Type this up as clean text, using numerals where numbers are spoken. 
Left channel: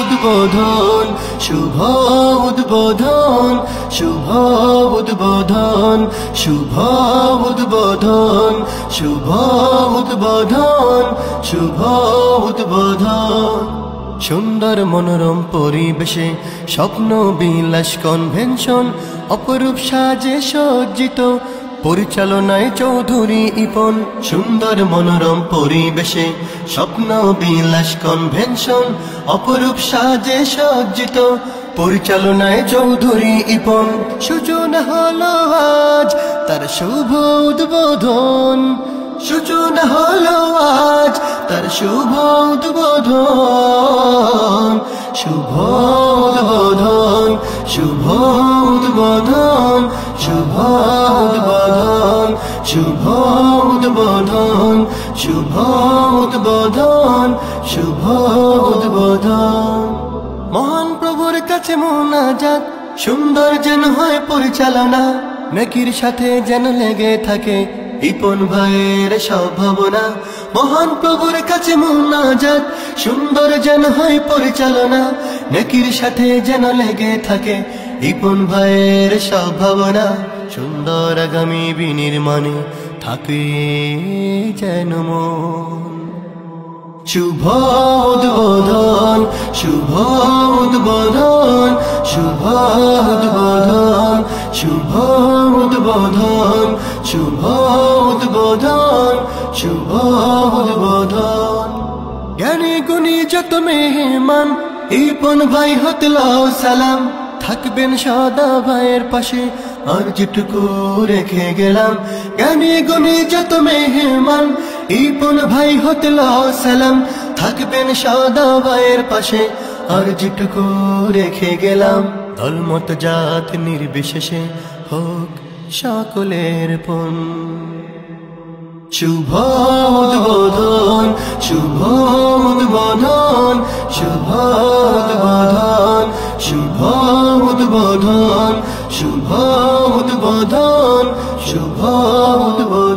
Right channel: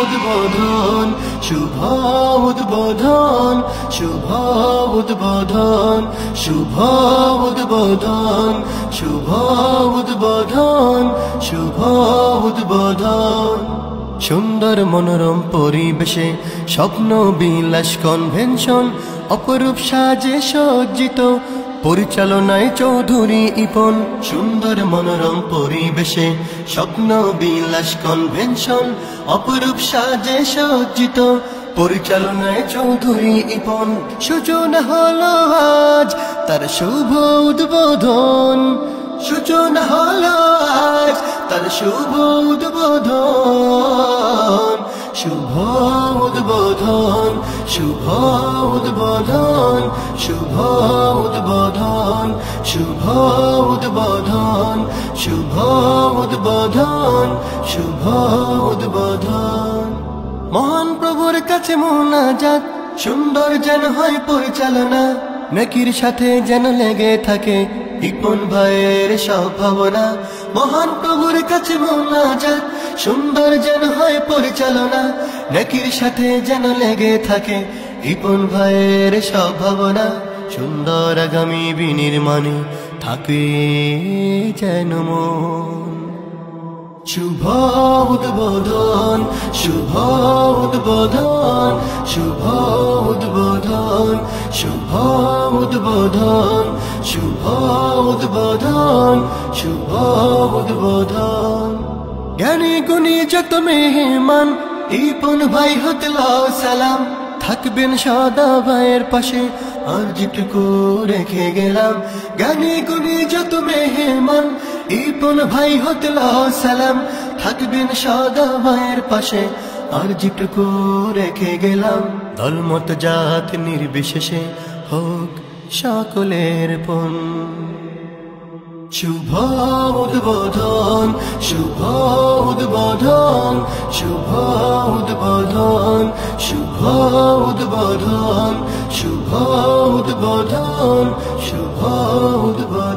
উদ্বোধন, শুভ উদ্বোধন, শুভ উদ্বোধন, শুভ উদ্বোধন, শুভ উদ্বোধন, শুভ উদ্বোধন। সুন্দর মনোরম পরিবেশে স্বপ্ন বিলাস কনভেনশন, অপরূপ সাজে সজ্জিত, পরিচালনায় চৌধুরী ইপন। সুন্দর মনোরম পরিবেশে স্বপ্ন বিলাস কনভেনশন, অপরূপ সাজে সজ্জিত, পরিচালনায় চৌধুরী ইপন। সূচনা হলো আজ তার শুভ উদ্বোধন, সূচনা হলো আজ তার শুভ উদ্বোধন। শুভ উদ্বোধন, শুভ উদ্বোধন, শুভ উদ্বোধন, শুভ উদ্বোধন, শুভ উদ্বোধন, শুভ উদ্বোধন। মহান প্রভুর কাছে মোনাজাত, সুন্দর যেন হয় পরিচালনা, নেকির সাথে যেন লেগে থাকে ইপন ভাইয়ের সব ভাবনা। মহান প্রভুর কাছে মোনাজাত, সুন্দর যেন হয় পরিচালনা, নেকির সাথে যেন লেগে থাকে ইপন ভাইয়ের সব ভাবনা। সুন্দর আগামী বিনির্মাণে থাকে যেন মন। শুভ উদ্বোধন, শুভ উদ্বোধন, শুভ উদ্বোধন, শুভ উদ্বোধন, শুভ উদ্বোধন, শুভ উদ্বোধন। জ্ঞানী গুণী যত মেহমান ইপন ভাই হতে লও সালাম, থাকবেন সদা ভাইয়ের পাশে আর যেটুকু রেখে গেলাম। জ্ঞানী গুণী যত মেহমান ইপন ভাই হতে লও সালাম, থাকবেন সদা ভাইয়ের পাশে আর যেটুকু রেখে গেলাম। দলমত জাত নির্বিশেষে হোক সকলের পণ। শুভ উদ্বোধন, শুভ উদ্বোধন, শুভ উদ্বোধন, শুভ উদ্বোধন, শুভ উদ্বোধন, শুভ উদ্বোধন।